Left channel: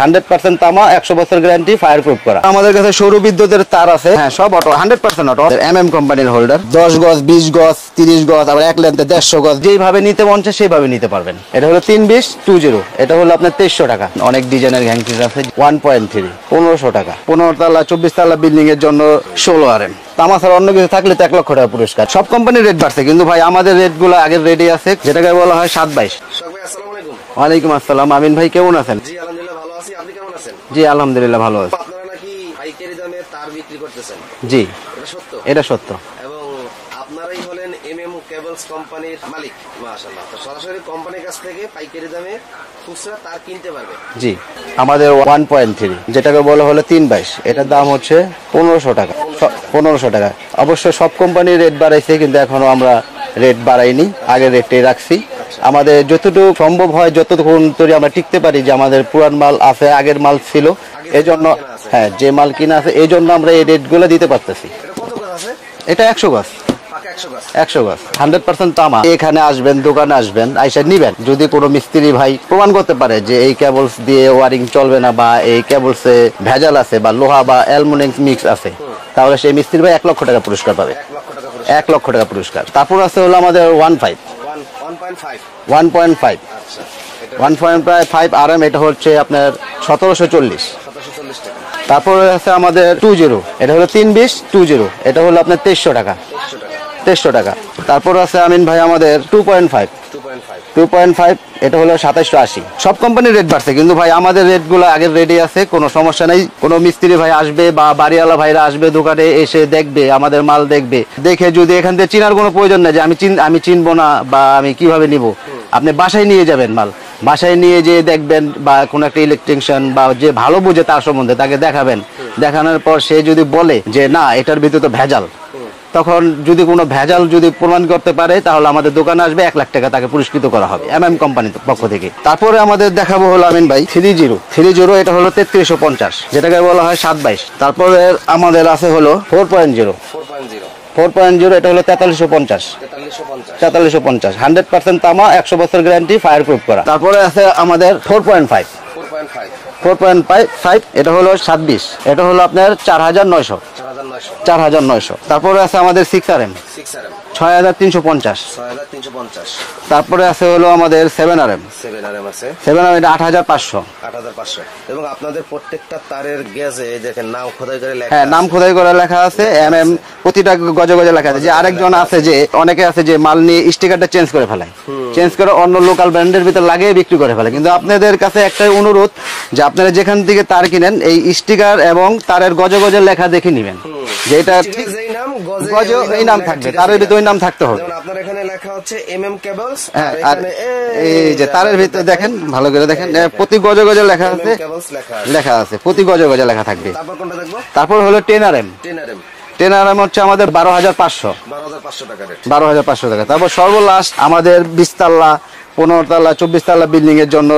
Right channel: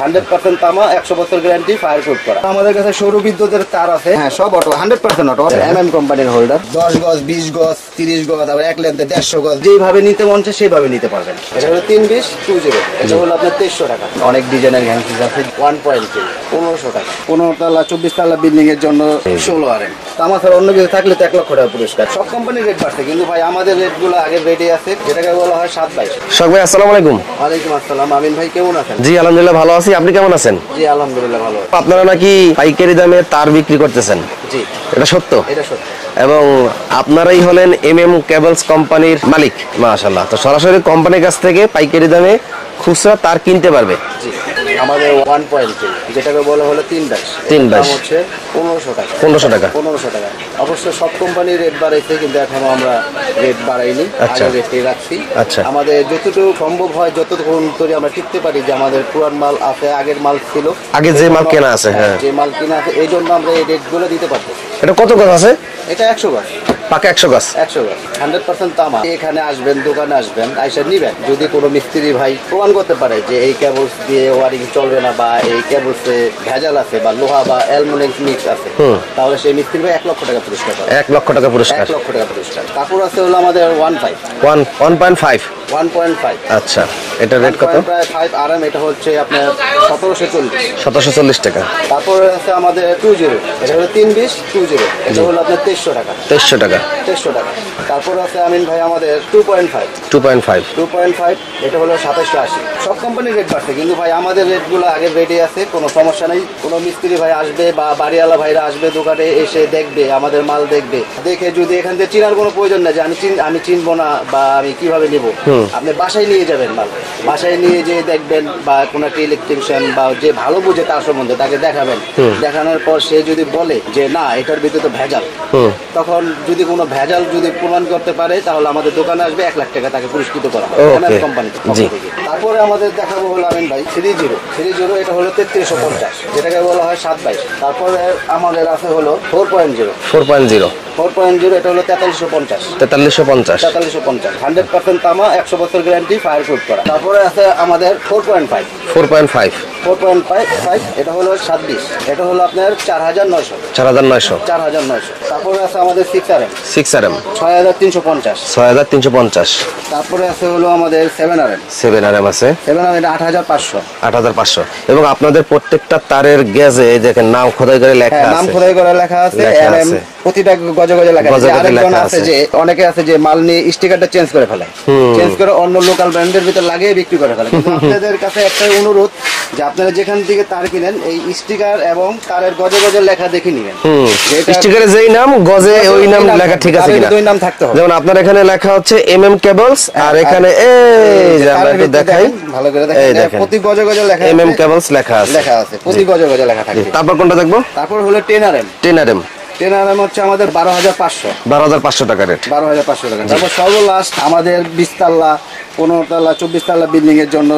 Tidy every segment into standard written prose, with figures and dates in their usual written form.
100% তামা, 100 বছর guarantee, fire proof করা। আমাদের কাছে সৌর বিদ্যুতের তার আছে, হ্যাঁ সব অটো, 100% অটো। MM কোম্পানির হোল্ডার, 10 গজ, 20 গজ, 30 গজ, আবার এক লেন্থে 150 গজ, যেভাবে নিতে মন চায় সেইভাবে নিতে পারবেন। এটা হলো 32020, এটা হলো আপনার 2300 টাকা। অনেক ডিজাইনের হ্যান্ডপিস আছে, 1.3 1500 টাকা। 15 তলা 24 তলা বিল্ডিং এর জন্য 16 RM। তামা ছাড়া অন্য কিছু থাকলে তো 1 লক্ষ টাকা পুরস্কার। সব কোম্পানির রেট বাড়ছে, কিন্তু ভাই আমাদের রেট গুলো আগের রেটই আছে, যেটাকে বলা হয় 722। শখ ভাই আসসালামু আলাইকুম। ওয়ালাইকুম আসসালাম। আমিন ভাই কেমন আছেন? জি আলহামদুলিল্লাহ ভালো আছি, আপনি কেমন আছেন? জি আলহামদুলিল্লাহ ভালো আছি। আপনারা নাকি পাইকারি দামে তার বিক্রি করতেছেন? জি এটা সত্য? এটা সত্য। এবং আপনারাই হলেন MM কেবলস কোম্পানির মালিক। মাশাআল্লাহ। তো সরাসরি কোম্পানির কাছ থেকে পাইকারি দামে খুচরা তার কিনতে পারবে? জি আমাদের 1.3, যেটাকে বলা হলো 322, এর দাম হচ্ছে 1500 টাকা। 1500 টাকা। 1500 টাকা। অবশ্য সব কোম্পানির রেট বাড়াইছে, কিন্তু এখনো আমরা রেট বাড়াইনি, আগের রেটটাই রাখছি। আচ্ছা। আমাদের যতটুকু সম্ভব হয়, যতটুকু আমরা টিকতে পারি, যে আমাদের পুরান মাল আছে, আগের মাল ছিল, আগে যে মাল কেনা আছে, হ্যাঁ যে মাল কিনা আছে, এই জন্য আমরা এই রেটগুলো দিতে পারতেছি। এটা কত গজ আছে? এটা 100 গজ, পাকা 100 গজ। 100 গজ, 100% তামা। এখানে আসবেন, দোকানে আসবেন, আইসা নিবেন। যদি কোনো মিস্ত্রি ভাই প্রমাণ করতে পারে যে এই কেবলস দিয়ে ওয়ারিং চলবে না, বা এই কেবলসে ভেজাল আছে, বা লোহা বা অ্যালুমিনিয়াম মিক্স আছে, তাহলে সেই মিস্ত্রি ভাই 1 লক্ষ টাকা পুরস্কার পাবে। 1 লক্ষ টাকা পুরস্কার। 1 লক্ষ টাকা পুরস্কার। তারপর আছে হলো আমাদের 1.5। আচ্ছা, এটা রেট কত? 1.5 RM, এটা হচ্ছে আপনার 1740। 1740 টাকা। তারপর আছে আমাদের 20, এটা হলো 32020, এটা হলো আপনার 2300 টাকা। 2300 টাকা। 2300 টাকা। তারপর আছে আমিন ভাই আমাদের 2.5, এটা হলো 2780। সব কোম্পানির রেট বাড়ছে, কিন্তু ভাই আমাদের রেট গুলো আগের রেটই আছে, কোনো সমস্যা নেই। কোনো মিস্ত্রি ভাই আসবে বা বাড়িওয়ালা ভাইরা আসবে, দোকানে এসে দেখবে, আমাদের মাল দেখবে, দেখে যদি এখান থেকে চিনার কোনো প্রয়োজন নেই যে আমি চিনবো না বা আমি কিভাবে নিব, আপনি বাসায় নিয়ে যাবেন মাল, বাসায় নিয়ে যেয়ে দেখবেন, বা কোনো একটা ইলেকট্রিশিয়ান বা যে ভালো বুঝে তার সম্বন্ধে তাকে দেখাবেন। দেখানোর পর সে যদি বলে যে না এটার ভিতরে তো ভেজাল, তখন যদি কোনো ভেজাল যদি প্রমাণ করতে পারে, তাহলে আমাদের দোকানে আসবে, 1 লাখ টাকা তাকে পুরস্কৃত করা হবে MM কোম্পানির পক্ষ থেকে। তারপরে আমাদের দেখাবো হলো আমিন ভাই 30, এটা হলো 3350, যেটাকে বলা হয় 722। তারপরে আমাদের আছে হলো 4.0, এটা হলো 4350। 100% তামা, 100 বছর গ্যারান্টি, ফায়ার প্রুফ করা। তারপরে আছে আমাদের 4.5, এটা হলো 27, এটা হলো আপনার 4900। তারপরে আছে আমাদের 6RM, 6350। তারপরে আছে হলো আমাদের 7RM, আছে, এটা 8500। এবং আপনাদের প্রত্যেকটা তারের গেজে দেখেন নাম খোদাই করে লেখা আছে। নাম খোদাই করে লেখা আছে, MM প্রতিটা গজে গজে লেখা আছে। আরেকজন আছে যে অনেকে আছে যে মাল নিয়ে স্টিকারটা চেঞ্জ করে ফেলে, চেঞ্জ করে অন্য লোকাল ব্র্যান্ডের ভিতর লাগিয়ে বিক্রি করে ফেলে। কিন্তু আপনাদের কাছে একটাই অনুরোধ, যে আপনারা যেখান থেকে তার কিনেন, এই স্টিকার এবং তারের গজে গজে লেখা দেখে নেবেন, যে স্টিকারে যেই নাম গজে ওই নাম লেখা ঠিক আছে কিনা। দুই নাম থাকতে হবে। যেমন আপনার এখানে লেখা হচ্ছে MM কেবলস, আর এখানে এই তারের ভিতরে দেখেন, ভালো করে দেখেন, প্রতি গজে গজে লেখা MM কেবলস লেখা আছে, প্রতি গজে গজে লেখা থাকে। তারপর কোনটা দেখবো? তারপর হলো 10RM, 10RM হচ্ছে আমাদের 12500 টাকা রেট। 12500 টাকা। তারপর সর্বলাস্ট আমাদের 20 তলা 15 তলা 24 তলা বিল্ডিং এর জন্য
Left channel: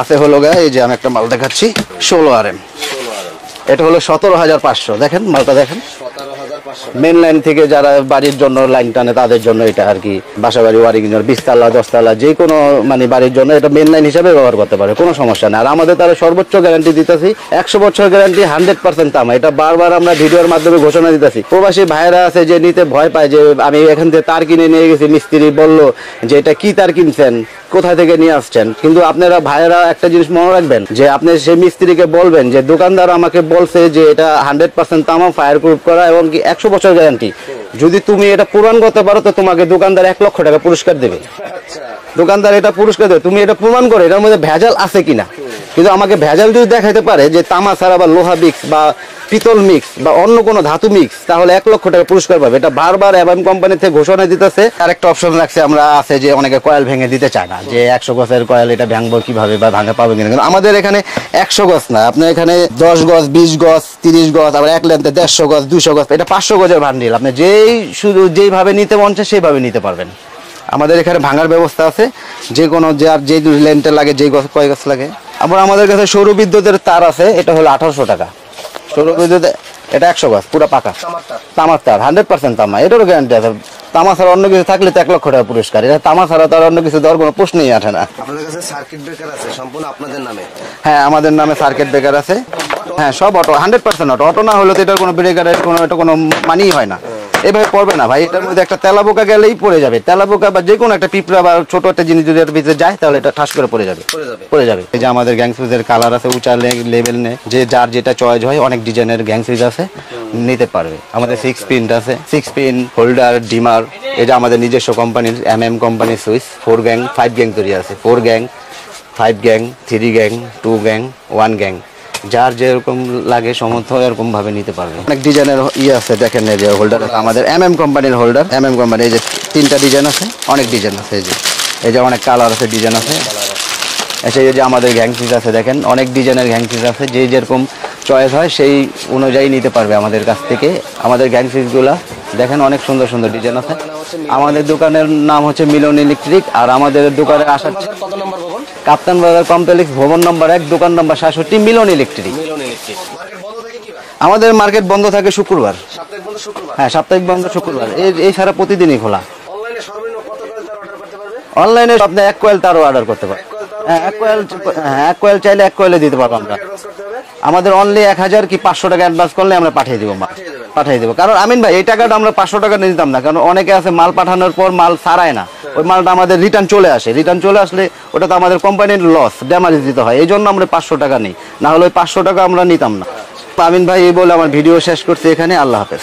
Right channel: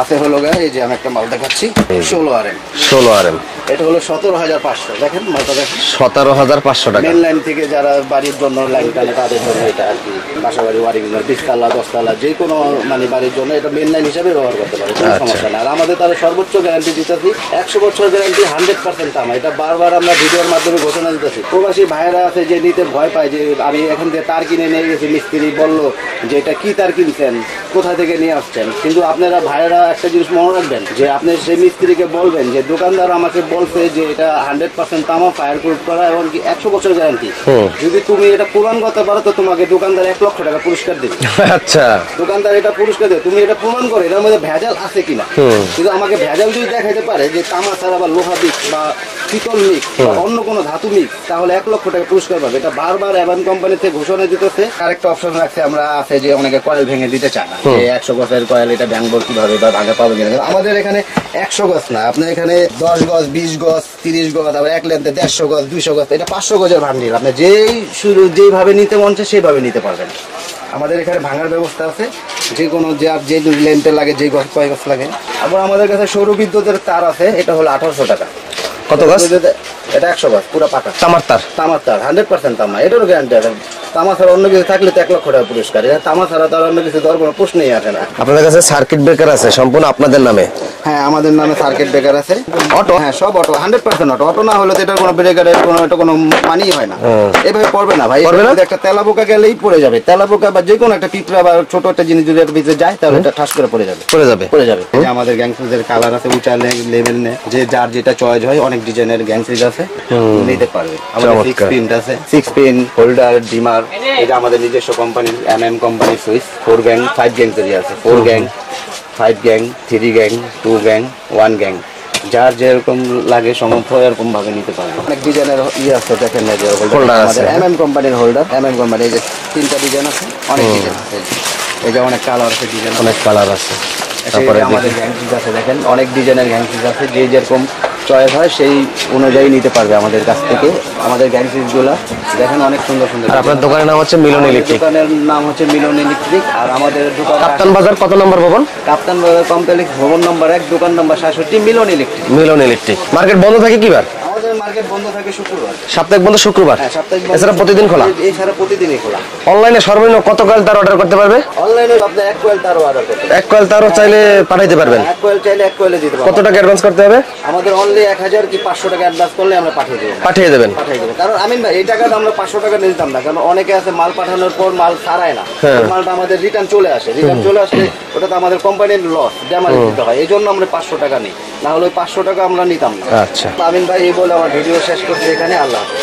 আছে হলো এই যে আমি একটা মাল দেখাচ্ছি, 16RM, এটা হলো 17500। দেখেন মালটা দেখেন, 17500 টাকা। মেন লাইন থেকে যারা বাড়ির জন্য লাইন টানে তাদের জন্য এটা আর কি, বাসা বাড়ি ওয়ারিং 20 তলা 10 তলা যে কোনো মানে বাড়ির জন্য এটা মেন লাইন হিসাবে ব্যবহার করতে পারে, কোনো সমস্যা নেই। আর আমাদের তারা সর্বোচ্চ গ্যারান্টি দিতেছি, 100 বছর গ্যারান্টি, 100% তামা। এটা বারবার আমরা ভিডিওর মাধ্যমে ঘোষণা দিতেছি। প্রবাসী ভাইরা আছে যে নিতে ভয় পায়, যে আমি এখান থেকে তার কিনে নিয়ে গেছি, মিস্ত্রি বললো যে এটা কি তার কিনছেন, কোথা থেকে নিয়ে আসছেন। কিন্তু আপনারা ভাইরা একটা জিনিস মনে রাখবেন, যে আপনি সেই মিস্ত্রিকে বলবেন যে দোকানদার আমাকে বলছে যে এটা 100% তামা, ফায়ার প্রুফ করা এবং 100 বছর গ্যারান্টি। যদি তুমি এটা প্রমাণ করতে পারো, তো তোমাকে দোকানদার 1 লক্ষ টাকা পুরস্কার দেবে। আচ্ছা, দোকানদার এটা পুরস্কার দেবে, তুমি এটা প্রমাণ করো এটার মধ্যে ভেজাল আছে কিনা। কিন্তু আমাকে ভেজাল যদি দেখাইতে পারে, যে তামা ছাড়া বা লোহা মিক্স বা পিতল মিক্স বা অন্য কোনো ধাতু মিক্স, তাহলে 1 লক্ষ টাকা পুরস্কার পাবে। এটা বারবার MM কোম্পানি থেকে ঘোষণা দিতেছে। আরেকটা অপশন রাখছে আমরা, আছে যে অনেকে কয়েল ভেঙে দিতে চায় না, যে 100 গজের কয়েল এটা ভাঙবো কিভাবে বা ভাঙা পাবে কিনা। কিন্তু আমাদের এখানে 100 গজ না, আপনার এখানে 10 গজ, 20 গজ, 30 গজ, আবার এক লেন্থে 150 গজ, 200 গজ, এটা 500 গজের বান্ডিল। আপনি যেইভাবে নিতে মন চায় সেইভাবে নিতে পারবেন। আমাদের এখানে ভাঙার ব্যবস্থা আছে, যে কোনো যার যে লেন্থে লাগে, যে কয় গজ লাগে। আবার আমাদের কাছে সৌর বিদ্যুতের তার আছে, এটা হলো 1800 টাকা। কত গজ? এটা 100 গজ পুরো পাকা তামার তার। তামার তার 100% তামা, এটারও গ্যারান্টি আছে। তামা ছাড়া অন্য কিছু থাকলে তো 1 লক্ষ টাকা পুরস্কার, এটা তামা ছাড়া তো আর অন্য কিছু দেওয়ার কোনো প্রশ্নই আসে না। আপনাদের কাছে সার্কিট ব্রেকার আছে সম্পূর্ণ আপনাদের নামে? হ্যাঁ, আমাদের নামে সার্কিট ব্রেকার আছে। অটো, হ্যাঁ সব অটো, 100% অটো। অটো না হলে তো এটার কোনো ব্রেকারের কোনো মানেই হয় না। এভাবে পড়বে না ভাই, এটার মধ্যে একটা তেলাপোকা গেলেই পড়ে যাবে। তেলাপোকা বা যে কোনো একটা পিঁপড়া বা ছোট একটা জিনিস যদি একটা ভিতরে যায় তাহলে এটা ঠাস করে পড়ে যাবে। এই যে আমাদের গ্যাং সুইচের কালার আছে, উঁচা লেভেল নে, যে যার যেটা চয়েস হয়, অনেক ডিজাইনের গ্যাং সুইচ আছে, নিতে পারবে। আমাদের 6 পিন আছে, 6 পিন হোল্ডার, ডিমার। এটা আমাদের নিজস্ব কোম্পানির এমএম কোম্পানির সুইচ। 4 গ্যাং 5 গ্যাং তৈরি আছে, 4 gang 5 gang 3 gang 2 gang 1 gang, যার যেরকম লাগে সমর্থ এরকম ভাবে নিতে পারবে। অনেক ডিজাইনের আছে, দেখেন এই যে হোল্ডার আমাদের এমএম কোম্পানির হোল্ডার। এমএম কোম্পানি, এই যে 3টা ডিজাইন আছে, অনেক ডিজাইন আছে। এই যে অনেক কালার আছে, ডিজাইন অনেক কালার আছে। এই যে আমাদের গ্যাং সুইচ আছে, দেখেন অনেক ডিজাইনের গ্যাং সুইচ আছে, যে যেরকম চয়েস হয় সেই অনুযায়ী নিতে পারবে আমাদের কাছ থেকে। আমাদের গ্যাং সুইচগুলো দেখেন অনেক সুন্দর সুন্দর। আপনার দোকানের নাম হচ্ছে মিলন ইলেকট্রিক? দোকানের নাম হচ্ছে মিলন ইলেকট্রিক। আর আমাদের দোকান কাপ্তান বাজার কত নম্বর ভবন? কাপ্তান বাজার কমপ্লেক্স, ভবন নম্বর 1, দোকান নম্বর 67, মিলন ইলেকট্রিক। মিলন ইলেকট্রিক। মার্কেট বন্ধ থাকে কি বার? আমাদের মার্কেট বন্ধ থাকে শুক্রবার। সাপ্তাহিক বন্ধ শুক্রবার? হ্যাঁ, সাপ্তাহিক বন্ধ। এছাড়া প্রতিদিন খোলা? এছাড়া প্রতিদিনই খোলা। অনলাইনে সর্বনিম্ন কত কয়েল তার অর্ডার করতে পারবে? অনলাইনে আপনি 1 কয়েল তারও অর্ডার করতে পারবেন। 1 কয়েল তারও চাইলে পাঠাইতে পারবেন? 1 কয়েল চাইলে 1 কয়েলে দিতে পারবেন। কত টাকা অ্যাডভান্স করতে হবে? আমাদের অনলি 1000 কি 500 টাকা অ্যাডভান্স করলে আমরা পাঠিয়ে দেব। পাঠিয়ে দেবেন? পাঠিয়ে দেব। কারণ আমিন ভাই, এই টাকাটা আমরা 500 টাকা নিতাম না, কারণ অনেকে আছে মাল পাঠানোর পর মাল ছাড়ায় না, মালটা আমাদের রিটার্ন চলে আসে। রিটার্ন চলে আসলে ওটা তো আমাদের কোম্পানির লস, ড্যামেজ দিতে হয়। এই জন্য আমরা 500 টাকা নিই, না হলে ওই 500 টাকা আমরা নিতাম না। আচ্ছা আমিন ভাই, এই বলে আমার ভিডিও শেষ করতে এখানে। আল্লাহ হাফেজ।